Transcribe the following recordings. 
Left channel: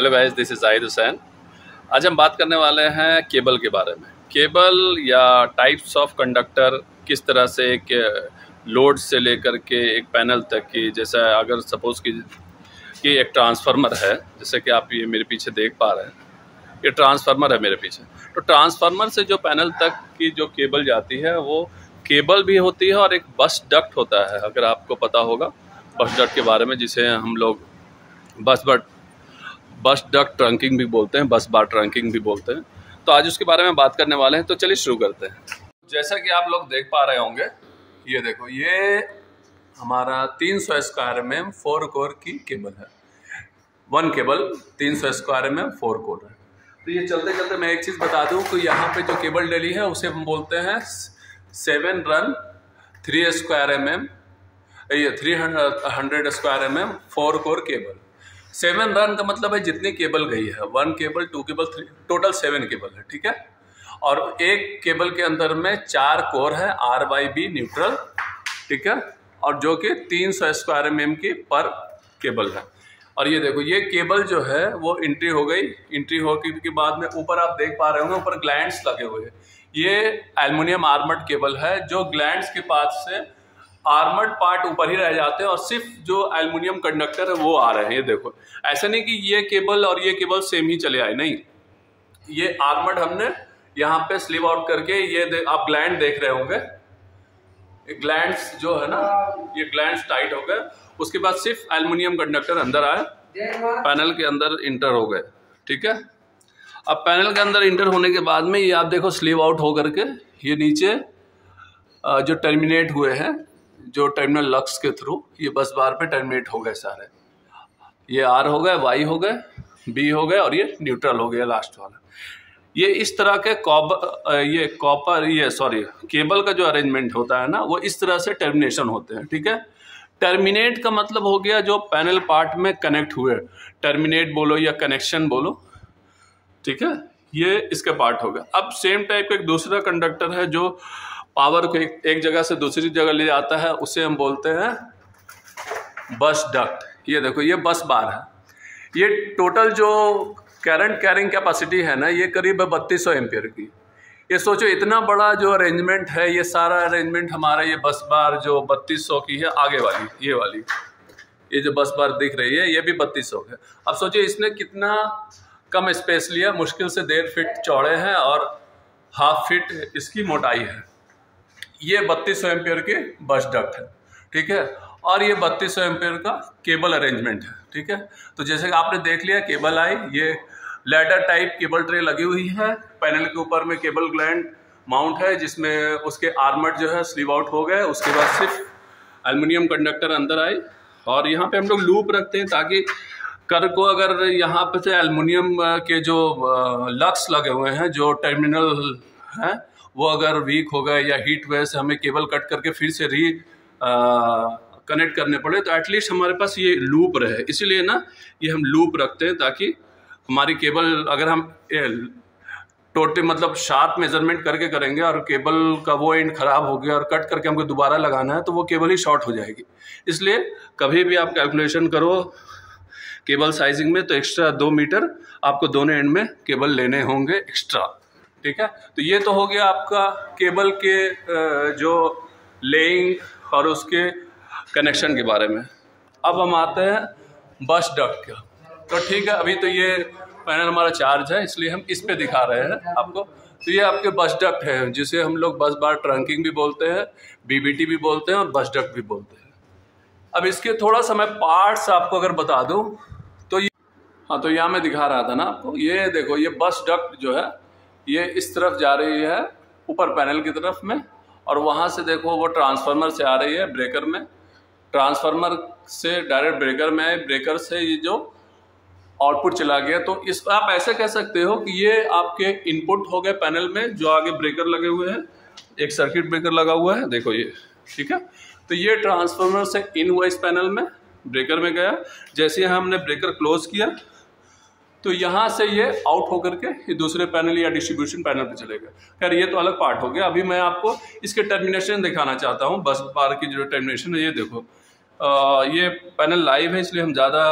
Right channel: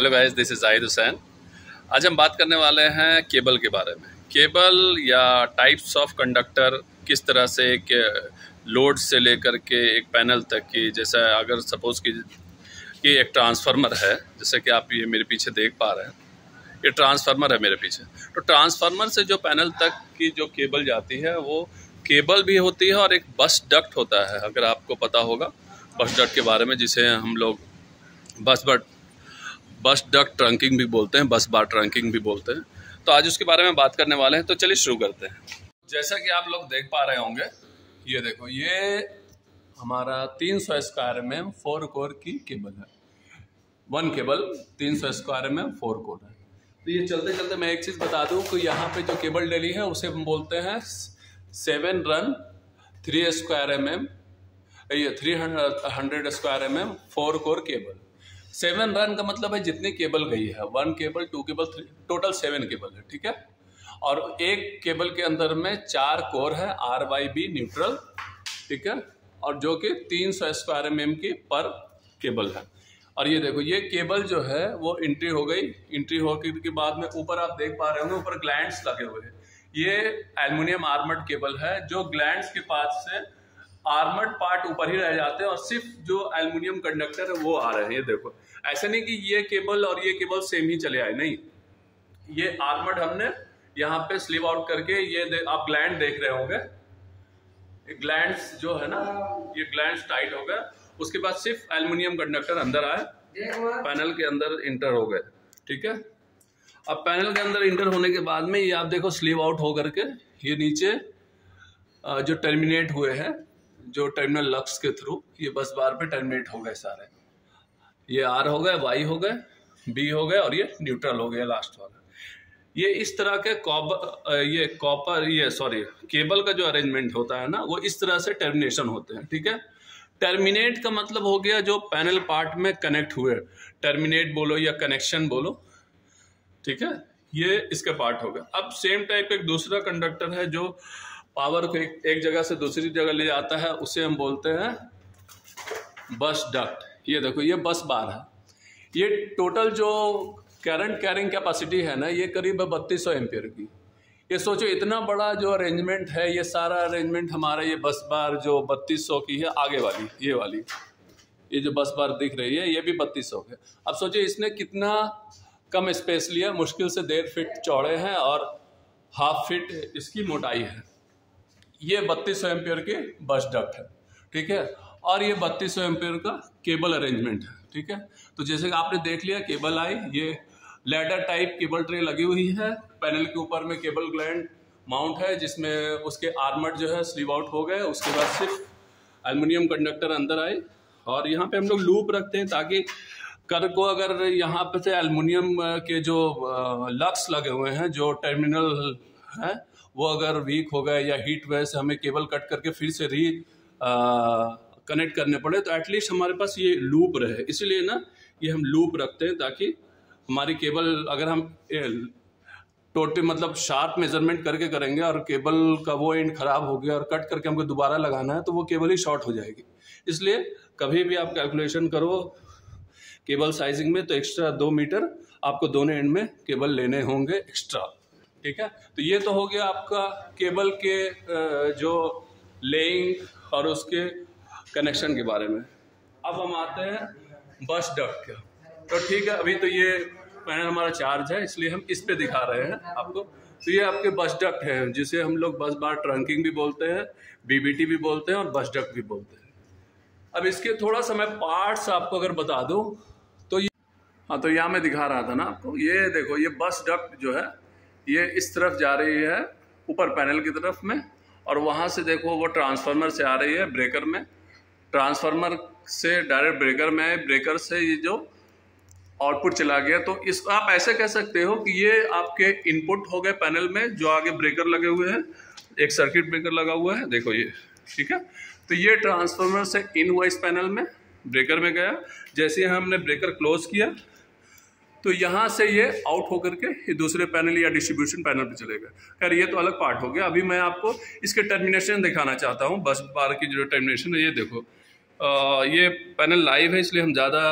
Hello guys, this is Zahid Hussain. आज हम बात करने वाले हैं केबल के बारे में। केबल या टाइप्स ऑफ कंडक्टर, किस तरह से एक लोड से लेकर के एक पैनल तक की, जैसा अगर सपोज कि एक ट्रांसफार्मर है, जैसे कि आप ये मेरे पीछे देख पा रहे हैं, ये ट्रांसफार्मर है मेरे पीछे। तो ट्रांसफार्मर से जो पैनल तक की जो केबल जाती है वो केबल भी होती है और एक बस डक्ट होता है, अगर आपको पता होगा बस डक्ट के बारे में, जिसे हम लोग बस डक्ट ट्रंकिंग भी बोलते हैं, बस बार ट्रंकिंग भी बोलते हैं। तो आज उसके बारे में बात करने वाले हैं। तो चलिए शुरू करते हैं। जैसा कि आप लोग देख पा रहे होंगे, ये देखो, ये हमारा 300 स्क्वायर mm 4 कोर की केबल है। One cable 300 square mm 4 core है। तो ये चलते चलते मैं एक चीज़ बता दूं कि यहाँ पे जो केबल डली है उसे हम बोलते हैं 7 रन 3 स्क्वायर mm, ये 300 square mm 4 core cable. 7 run का मतलब है जितनी केबल गई है, 1 केबल 2 केबल 3, टोटल 7 केबल है, ठीक है। और एक केबल के अंदर में 4 कोर है, RYB न्यूट्रल, ठीक है, और जो कि 300 स्क्वायर mm की पर केबल है। और ये देखो, ये केबल जो है वो एंट्री हो गई। एंट्री होने के बाद में ऊपर आप देख पा रहे होंगे, ऊपर ग्लैंड्स लगे हुए हैं। ये एल्युमिनियम आर्मर्ड केबल है, जो ग्लैंड्स के पास से आर्मर्ड पार्ट ऊपर ही रह जाते हैं और सिर्फ जो एल्युमिनियम कंडक्टर है वो आ रहे हैं। ये देखो, ऐसा नहीं कि ये केबल और ये केबल सेम ही चले आए, नहीं, ये आर्मर्ड हमने यहाँ पे स्लीव आउट करके, ये आप ग्लैंड देख रहे होंगे, ग्लैंड्स जो है ना, ये ग्लैंड्स टाइट हो गए। उसके बाद सिर्फ एल्युमिनियम कंडक्टर अंदर आए, पैनल के अंदर इंटर हो गए, ठीक है। अब पैनल के अंदर इंटर होने के बाद में ये आप देखो स्लीव आउट हो करके ये नीचे जो टर्मिनेट हुए हैं, जो टर्मिनल लक्स के थ्रू ये बस बार पे टर्मिनेट हो गए सारे। ये R हो गए, Y हो गए, B हो गए और ये न्यूट्रल हो गया लास्ट वाला। ये इस तरह के केबल का जो अरेंजमेंट होता है ना, वो इस तरह से टर्मिनेशन होते हैं, ठीक है। टर्मिनेट का मतलब हो गया जो पैनल पार्ट में कनेक्ट हुए, टर्मिनेट बोलो या कनेक्शन बोलो, ठीक है, ये इसका पार्ट होगा। अब सेम टाइप का एक दूसरा कंडक्टर है जो पावर को एक जगह से दूसरी जगह ले जाता है, उसे हम बोलते हैं बस डक्ट। ये देखो, ये बस बार है। ये टोटल जो करंट कैरिंग कैपेसिटी है ना, ये करीब 3200 एम्पियर की। ये सोचो, इतना बड़ा जो अरेंजमेंट है, ये सारा अरेंजमेंट हमारा ये बस बार जो 3200 की है, आगे वाली ये वाली, ये जो बस बार दिख रही है, ये भी 3200 है। अब सोचिए इसने कितना कम स्पेस लिया, मुश्किल से 1.5 फीट चौड़े हैं और 1/2 फीट इसकी मोटाई है। ये 3200 एम्पियर की बस डक्ट है, ठीक है, और ये 3200 एम्पियर का केबल अरेंजमेंट है, ठीक है। तो जैसे कि आपने देख लिया, केबल आई, ये लैडर टाइप केबल ट्रे लगी हुई है, पैनल के ऊपर में केबल ग्लैंड माउंट है, जिसमें उसके आर्मर्ड जो है स्लीव आउट हो गए। उसके बाद सिर्फ एल्युमिनियम कंडक्टर अंदर आए, और यहाँ पे हम लोग लूप रखते हैं ताकि कर को, अगर यहाँ पे से एल्युमिनियम के जो लक्स लगे हुए हैं, जो टर्मिनल हैं, वो अगर वीक हो गए या हीट वजह से हमें केबल कट करके फिर से कनेक्ट करने पड़े, तो एटलीस्ट हमारे पास ये लूप रहे। इसीलिए ना ये हम लूप रखते हैं, ताकि हमारी केबल, अगर हम टोटल मतलब शार्प मेजरमेंट करके करेंगे और केबल का वो एंड खराब हो गया और कट करके हमको दोबारा लगाना है, तो वो केबल ही शॉर्ट हो जाएगी। इसलिए कभी भी आप कैलकुलेशन करो केबल साइजिंग में, तो एक्स्ट्रा 2 मीटर आपको दोनों एंड में केबल लेने होंगे एक्स्ट्रा, ठीक है। तो ये तो हो गया आपका केबल के जो लेइंग और उसके कनेक्शन के बारे में। अब हम आते हैं बस डक्ट का। तो ठीक है, अभी तो ये पैनल हमारा चार्ज है, इसलिए हम इस पे दिखा रहे हैं आपको। तो ये आपके बस डक्ट है, जिसे हम लोग बस बार ट्रंकिंग भी बोलते हैं, BBT भी बोलते हैं और बस डक्ट भी बोलते हैं। अब इसके थोड़ा सा मैं पार्ट्स आपको अगर बता दूं, तो हाँ, तो यहाँ मैं दिखा रहा था ना आपको, ये देखो, ये बस डक्ट जो है ये इस तरफ जा रही है ऊपर पैनल की तरफ में, और वहाँ से देखो वो ट्रांसफार्मर से आ रही है ब्रेकर में, ट्रांसफार्मर से डायरेक्ट ब्रेकर में आए, ब्रेकर से ये जो आउटपुट चला गया। तो इस आप ऐसे कह सकते हो कि ये आपके इनपुट हो गए पैनल में, जो आगे ब्रेकर लगे हुए हैं, एक सर्किट ब्रेकर लगा हुआ है, देखो ये, ठीक है। तो ये ट्रांसफार्मर से इन हुआ इस पैनल में, ब्रेकर में गया। जैसे हमने ब्रेकर क्लोज किया, तो यहाँ से ये आउट होकर के ये दूसरे पैनल या डिस्ट्रीब्यूशन पैनल पे चलेगा। खैर, ये तो अलग पार्ट हो गया। अभी मैं आपको इसके टर्मिनेशन दिखाना चाहता हूँ, बस बार की जो टर्मिनेशन है। ये देखो, ये पैनल लाइव है, इसलिए हम ज़्यादा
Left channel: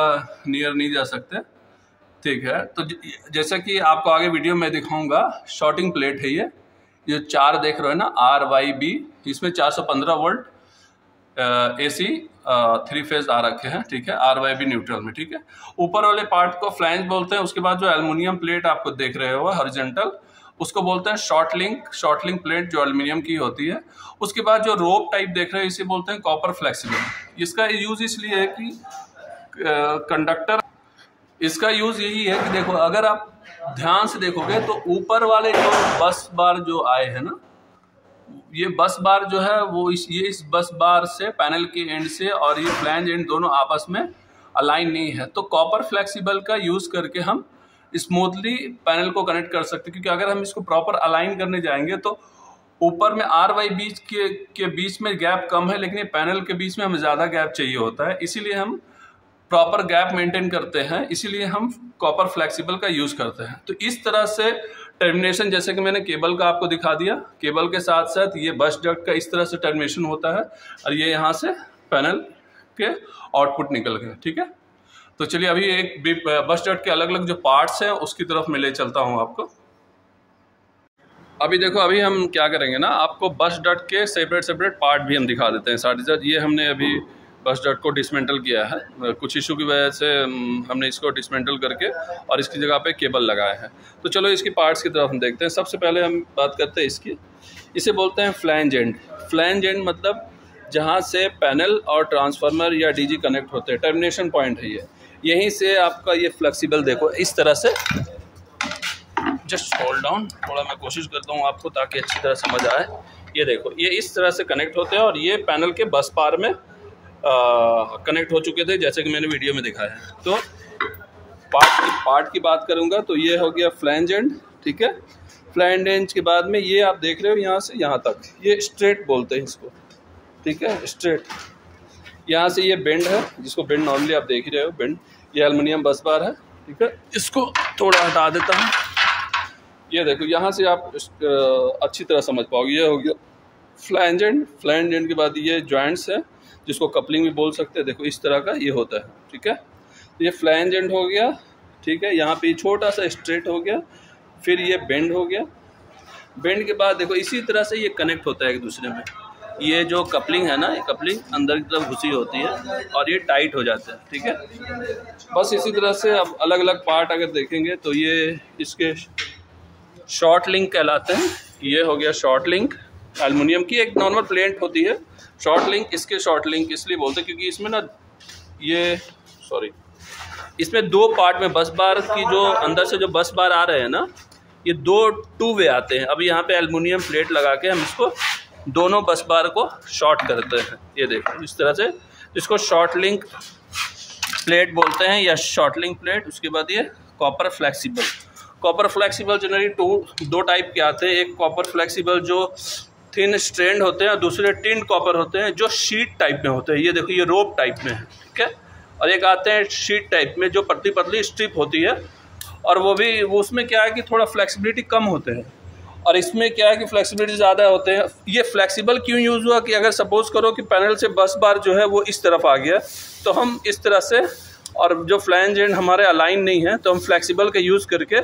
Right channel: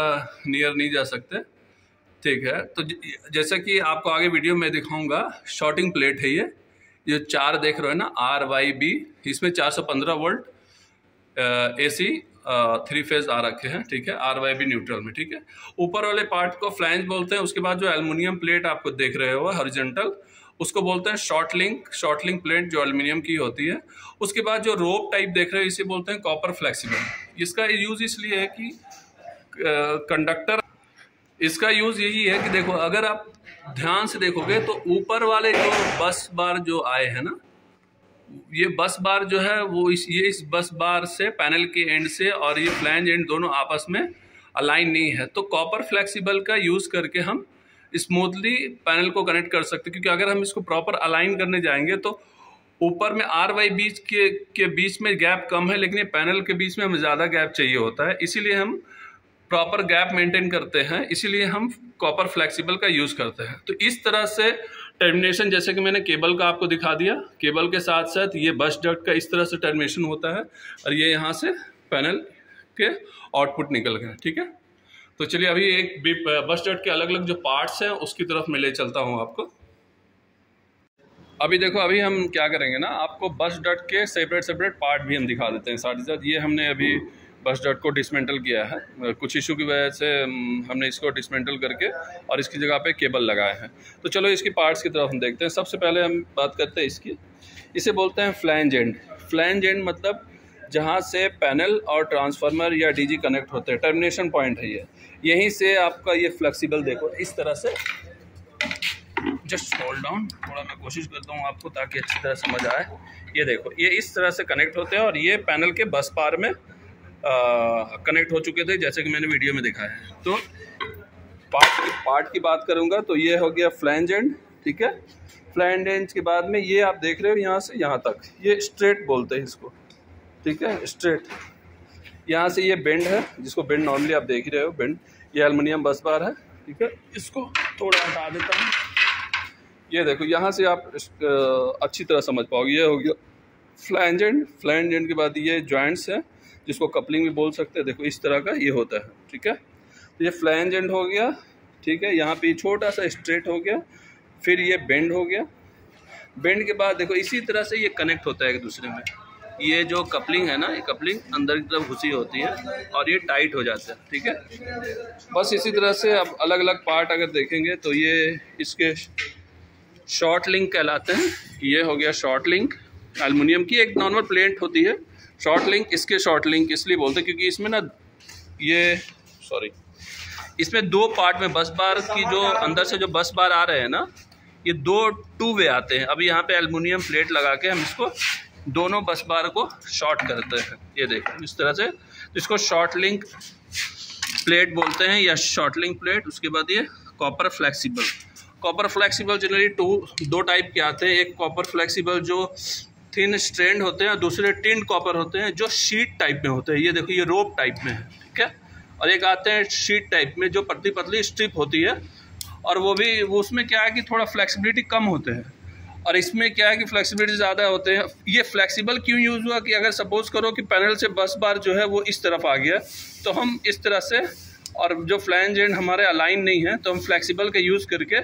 नियर नहीं जा सकते। ठीक है। तो जैसा कि आपको आगे वीडियो में दिखाऊंगा, शॉर्टिंग प्लेट है ये 4 देख रहे हो ना, RYB, इसमें 415 वोल्ट AC 3 फेज आ रखे हैं, ठीक है, RYB न्यूट्रल में, ठीक है। ऊपर वाले पार्ट को फ्लैंज बोलते हैं। उसके बाद जो एल्युमिनियम प्लेट आपको देख रहे हो हॉरिजॉन्टल, उसको बोलते हैं शॉर्ट लिंक प्लेट, जो एल्युमिनियम की होती है। उसके बाद जो रोप टाइप देख रहे हो, इसे बोलते हैं कॉपर फ्लेक्सिबल। इसका यूज इसलिए है कि कंडक्टर, इसका यूज यही है कि देखो, अगर आप ध्यान से देखोगे तो ऊपर वाले जो बस बार जो आए हैं ना, ये बस बार जो है वो इस बस बार से, पैनल के एंड से और ये फ्लैंज एंड दोनों आपस में अलाइन नहीं है। तो कॉपर फ्लेक्सिबल का यूज करके हम स्मूथली पैनल को कनेक्ट कर सकते हैं, क्योंकि अगर हम इसको प्रॉपर अलाइन करने जाएंगे तो ऊपर में RY के बीच में गैप कम है, लेकिन ये पैनल के बीच में हमें ज़्यादा गैप चाहिए होता है। इसीलिए हम प्रॉपर गैप मेंटेन करते हैं, इसीलिए हम कॉपर फ्लेक्सिबल का यूज़ करते हैं। तो इस तरह से टर्मिनेशन, जैसे कि मैंने केबल का आपको दिखा दिया, केबल के साथ साथ ये बस डक्ट का इस तरह से टर्मिनेशन होता है, और ये यहाँ से पैनल के आउटपुट निकल गए, ठीक है। तो चलिए अभी एक बस डक्ट के अलग अलग जो पार्ट्स हैं उसकी तरफ मैं ले चलता हूँ आपको। अभी देखो, अभी हम क्या करेंगे ना, आपको बस डक्ट के सेपरेट पार्ट भी हम दिखा देते हैं साथ ही साथ। ये हमने अभी बस डक्ट को डिसमेंटल किया है, कुछ इशू की वजह से हमने इसको डिसमेंटल करके और इसकी जगह पे केबल लगाए हैं। तो चलो इसकी पार्ट्स की तरफ हम देखते हैं। सबसे पहले हम बात करते हैं इसकी, इसे बोलते हैं फ्लैंज एंड। फ्लैंज एंड मतलब जहाँ से पैनल और ट्रांसफार्मर या DG कनेक्ट होते हैं, टर्मिनेशन पॉइंट है ये। यहीं से आपका ये फ्लेक्सिबल, देखो इस तरह से, जस्ट होल्ड डाउन, थोड़ा मैं कोशिश करता हूँ आपको ताकि अच्छी तरह समझ आए। ये देखो, ये इस तरह से कनेक्ट होते हैं और ये पैनल के बस बार में कनेक्ट हो चुके थे, जैसे कि मैंने वीडियो में दिखाया है। तो पार्ट की बात करूंगा तो ये हो गया फ्लैंज एंड, ठीक है। फ्लैंज एंड के बाद में ये आप देख रहे हो यहाँ से यहाँ तक, ये स्ट्रेट बोलते हैं इसको, ठीक है, स्ट्रेट। यहाँ से ये बेंड है, जिसको बेंड नॉर्मली आप देख ही रहे हो, बेंड। ये एल्युमिनियम बस बार है, ठीक है। इसको थोड़ा हटा देता हूँ। ये देखो, यहाँ से आप अच्छी तरह समझ पाओगे। ये हो गया फ्लैंज एंड। फ्लैंज एंड के बाद ये जॉइंट्स है, जिसको कपलिंग भी बोल सकते हैं। देखो इस तरह का ये होता है, ठीक है। तो ये फ्लैंज एंड हो गया, ठीक है। यहाँ पे छोटा सा स्ट्रेट हो गया, फिर ये बेंड हो गया। बेंड के बाद देखो इसी तरह से ये कनेक्ट होता है एक दूसरे में। ये जो कपलिंग है ना, ये कपलिंग अंदर की तरफ घुसी होती है और ये टाइट हो जाता है, ठीक है। बस इसी तरह से अब अलग अलग पार्ट अगर देखेंगे तो ये इसके शॉर्ट लिंक कहलाते हैं। ये हो गया शॉर्ट लिंक, एल्युमिनियम की एक नॉर्मल प्लेट होती है शॉर्ट लिंक। इसके शॉर्ट लिंक इसलिए बोलते हैं क्योंकि इसमें ना इसमें 2 पार्ट में बस बार की जो अंदर से जो बस बार आ रहे हैं ना, ये 2 वे आते हैं। अभी यहाँ पे एल्युमिनियम प्लेट लगा के हम इसको दोनों बस बार को शॉर्ट करते हैं। ये देखो इस तरह से, इसको शॉर्ट लिंक प्लेट बोलते हैं या शॉर्ट लिंक प्लेट। उसके बाद ये copper flexible. Copper flexible generally 2 type के आते हैं। एक कॉपर फ्लेक्सिबल जो थिन स्ट्रैंड होते हैं और दूसरे टिंड कॉपर होते हैं जो शीट टाइप में होते हैं। ये देखो, ये रोप टाइप में है, ठीक है। और एक आते हैं शीट टाइप में जो पतली पतली स्ट्रिप होती है, और वो उसमें क्या है कि थोड़ा फ्लेक्सिबिलिटी कम होते हैं, और इसमें क्या है कि फ्लेक्सिबिलिटी ज़्यादा होते हैं। ये फ्लेक्सिबल क्यों यूज़ हुआ कि अगर सपोज करो कि पैनल से बस बार जो है वो इस तरफ आ गया, तो हम इस तरह से, और जो फ्लैंज एंड हमारे अलाइन नहीं है, तो हम फ्लेक्सिबल का यूज़ करके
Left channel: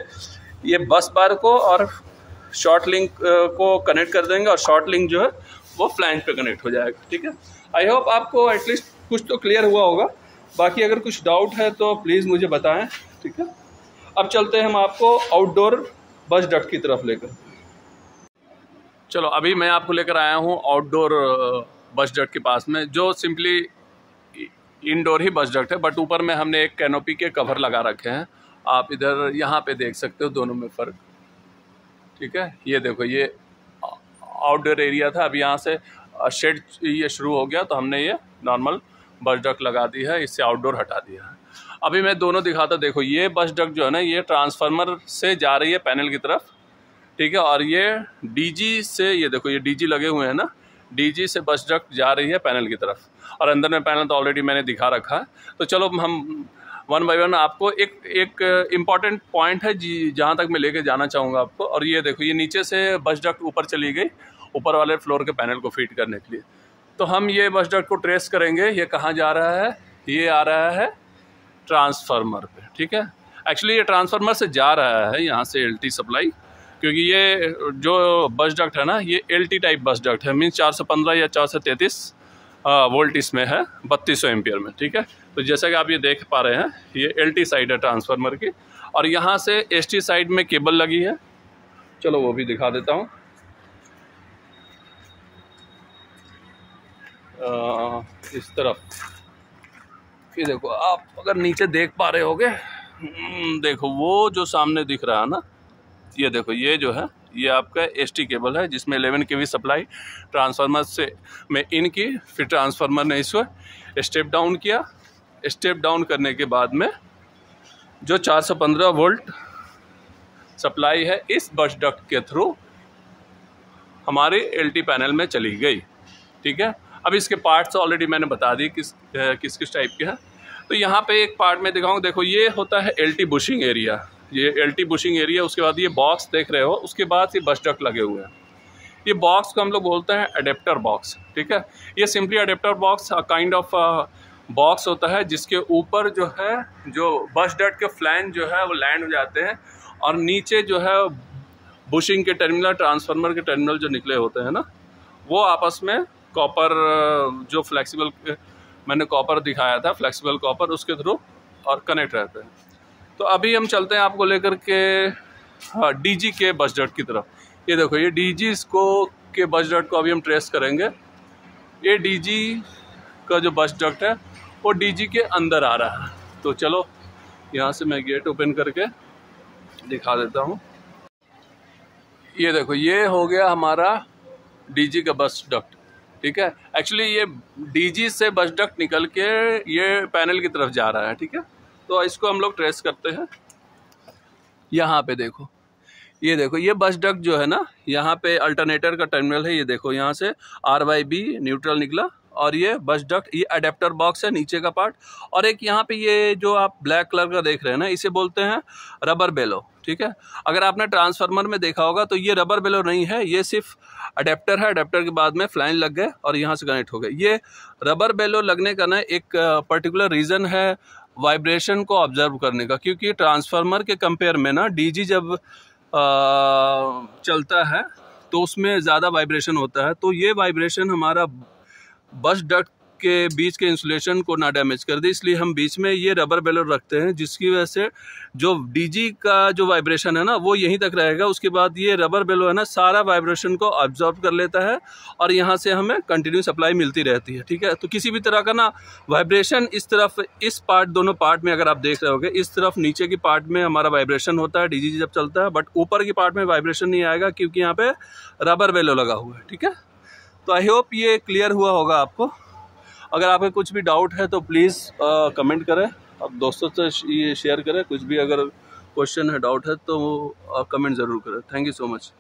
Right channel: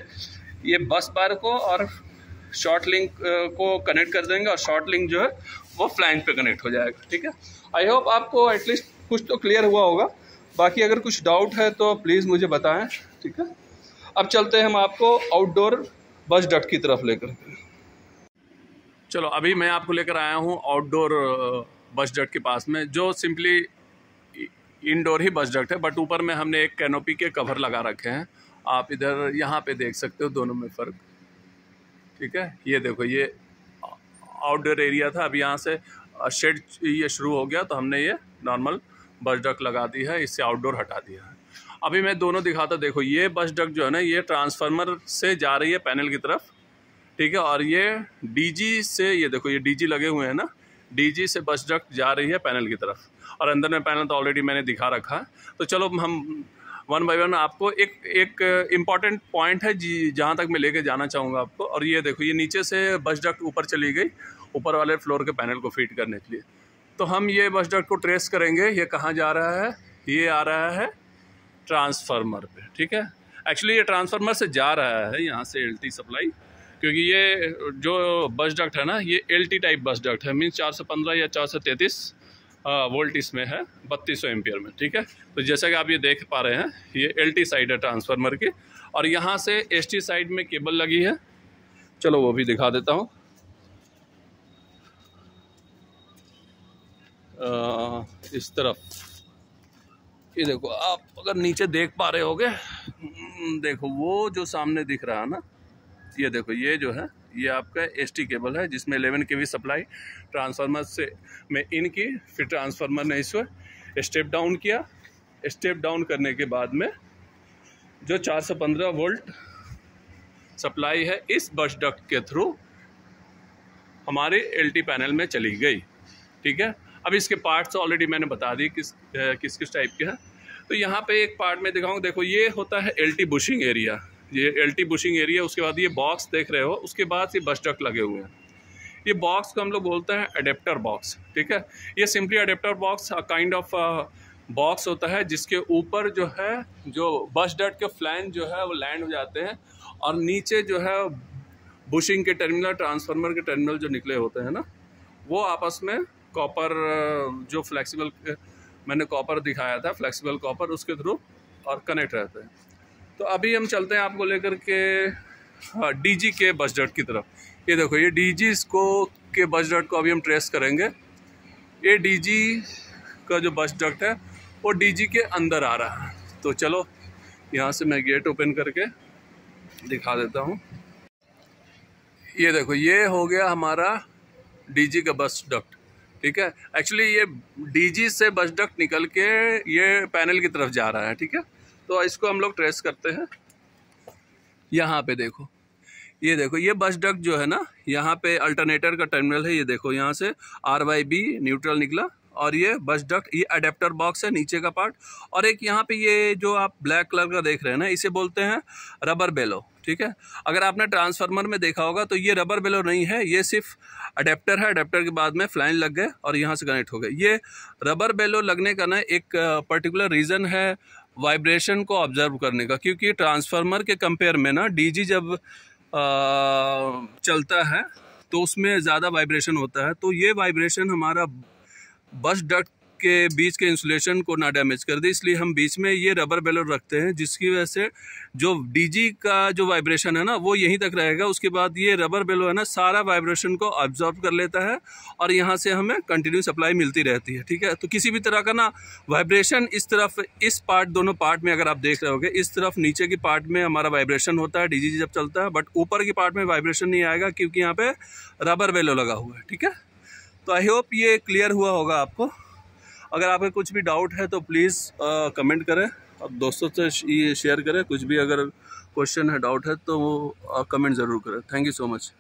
ये बस बार को और शॉर्ट लिंक को कनेक्ट कर देंगे, और शॉर्ट लिंक जो है वो फ्लैंज पे कनेक्ट हो जाएगा, ठीक है। आई होप आपको एटलीस्ट कुछ तो क्लियर हुआ होगा। बाकी अगर कुछ डाउट है तो प्लीज़ मुझे बताएं, ठीक है। अब चलते हैं हम आपको आउटडोर बस डक्ट की तरफ लेकर। चलो अभी मैं आपको लेकर आया हूँ आउटडोर बस डक्ट के पास में, जो सिंपली इनडोर ही बस डक्ट है, बट ऊपर में हमने एक कैनोपी के कवर लगा रखे हैं। आप इधर यहाँ पे देख सकते हो दोनों में फ़र्क, ठीक है। ये देखो, ये आउटडोर एरिया था, अब यहाँ से शेड ये शुरू हो गया, तो हमने ये नॉर्मल बस डक्ट लगा दी है, इससे आउटडोर हटा दिया है। अभी मैं दोनों दिखाता, देखो ये बस डक्ट जो है ना, ये ट्रांसफार्मर से जा रही है पैनल की तरफ, ठीक है। और ये DG से, ये देखो ये DG लगे हुए हैं ना, DG से बस डक्ट जा रही है पैनल की तरफ, और अंदर में पैनल तो ऑलरेडी मैंने दिखा रखा है। तो चलो हम 1 बाय 1 आपको एक इम्पॉर्टेंट पॉइंट है जहाँ तक मैं लेके जाना चाहूँगा आपको। और ये देखो, ये नीचे से बस डक्ट ऊपर चली गई, ऊपर वाले फ्लोर के पैनल को फीड करने के लिए। तो हम ये बस डक्ट को ट्रेस करेंगे, ये कहाँ जा रहा है, ये आ रहा है ट्रांसफार्मर पे, ठीक है। एक्चुअली ये ट्रांसफार्मर से जा रहा है यहाँ से एलटी सप्लाई, क्योंकि ये जो बस डक्ट है ना ये एलटी टाइप बस डक्ट है, मीन्स 415 या 433 वोल्ट इसमें है 3200 एम्पियर में, ठीक है। तो जैसा कि आप ये देख पा रहे हैं ये एलटी साइड है ट्रांसफार्मर की, और यहाँ से एसटी साइड में केबल लगी है। चलो वो भी दिखा देता हूँ। इस तरफ ये देखो, आप अगर नीचे देख पा रहे होगे, देखो वो जो सामने दिख रहा है ना, ये देखो ये जो है ये आपका एसटी केबल है, जिसमें 11 kV सप्लाई ट्रांसफार्मर से में इन की, फिर ट्रांसफार्मर ने इसको स्टेप डाउन किया। स्टेप डाउन करने के बाद में जो 415 वोल्ट सप्लाई है इस बस डक्ट के थ्रू हमारे एलटी पैनल में चली गई, ठीक है। अब इसके पार्ट्स ऑलरेडी मैंने बता दी किस किस टाइप के हैं। तो यहाँ पे एक पार्ट में दिखाऊँ, देखो ये होता है एलटी बुशिंग एरिया, ये एलटी बुशिंग एरिया। उसके बाद ये बॉक्स देख रहे हो, उसके बाद ये बस डक्ट लगे हुए हैं। ये बॉक्स को हम लोग बोलते हैं अडेप्टर बॉक्स, ठीक है। ये simply adapter box kind of box होता है जिसके ऊपर जो है जो बस डक्ट के फ्लैंज जो है वो लैंड हो जाते हैं, और नीचे जो है बुशिंग के टर्मिनल, ट्रांसफार्मर के टर्मिनल जो निकले होते हैं ना, वो आपस में कॉपर जो फ्लेक्सिबल मैंने कॉपर दिखाया था, फ्लेक्सिबल कॉपर, उसके थ्रू और कनेक्ट रहते हैं। तो अभी हम चलते हैं आपको लेकर के डीजी के बस डक्ट की तरफ। ये देखो ये डीजी के बस डक्ट को अभी हम ट्रेस करेंगे। ये डीजी का जो बस डक्ट है वो डीजी के अंदर आ रहा है। तो चलो यहाँ से मैं गेट ओपन करके दिखा देता हूँ। ये देखो ये हो गया हमारा डीजी का बस डक्ट, ठीक है। एक्चुअली ये डीजी से बस डक्ट निकल के ये पैनल की तरफ जा रहा है, ठीक है। तो इसको हम लोग ट्रेस करते हैं। यहाँ पे देखो, ये देखो ये बस डक्ट जो है ना, यहाँ पे अल्टरनेटर का टर्मिनल है। ये देखो यहाँ से RYB न्यूट्रल निकला, और ये बस डक्ट, ये अडेप्टर बॉक्स है नीचे का पार्ट। और एक यहाँ पे ये जो आप ब्लैक कलर का देख रहे हैं ना, इसे बोलते हैं रबर बेलो, ठीक है। अगर आपने ट्रांसफार्मर में देखा होगा तो ये रबर बेलो नहीं है, ये सिर्फ अडेप्टर है। अडेप्टर के बाद में फ्लैंज लग गए और यहाँ से कनेक्ट हो गए। ये रबर बेलो लगने का ना एक पर्टिकुलर रीज़न है वाइब्रेशन को ऑब्जर्व करने का, क्योंकि ट्रांसफार्मर के कंपेयर में ना डीजी जब चलता है तो उसमें ज़्यादा वाइब्रेशन होता है। तो ये वाइब्रेशन हमारा बस डक्ट के बीच के इंसुलेशन को ना डैमेज कर दे, इसलिए हम बीच में ये रबर बेलो रखते हैं, जिसकी वजह से जो डीजी का जो वाइब्रेशन है ना वो यहीं तक रहेगा। उसके बाद ये रबर बेलो है ना सारा वाइब्रेशन को अब्जॉर्ब कर लेता है और यहाँ से हमें कंटिन्यू सप्लाई मिलती रहती है, ठीक है। तो किसी भी तरह का ना वाइब्रेशन इस तरफ, इस पार्ट, दोनों पार्ट में अगर आप देख रहे होगे, इस तरफ नीचे की पार्ट में हमारा वाइब्रेशन होता है डीजी जब चलता है, बट ऊपर की पार्ट में वाइब्रेशन नहीं आएगा क्योंकि यहाँ पे रबर बेलो लगा हुआ है, ठीक है। तो आई होप ये क्लियर हुआ होगा आपको। अगर आपको कुछ भी डाउट है तो प्लीज़ कमेंट करें, आप दोस्तों से ये शेयर करें। कुछ भी अगर क्वेश्चन है, डाउट है तो कमेंट ज़रूर करें। Thank you so much.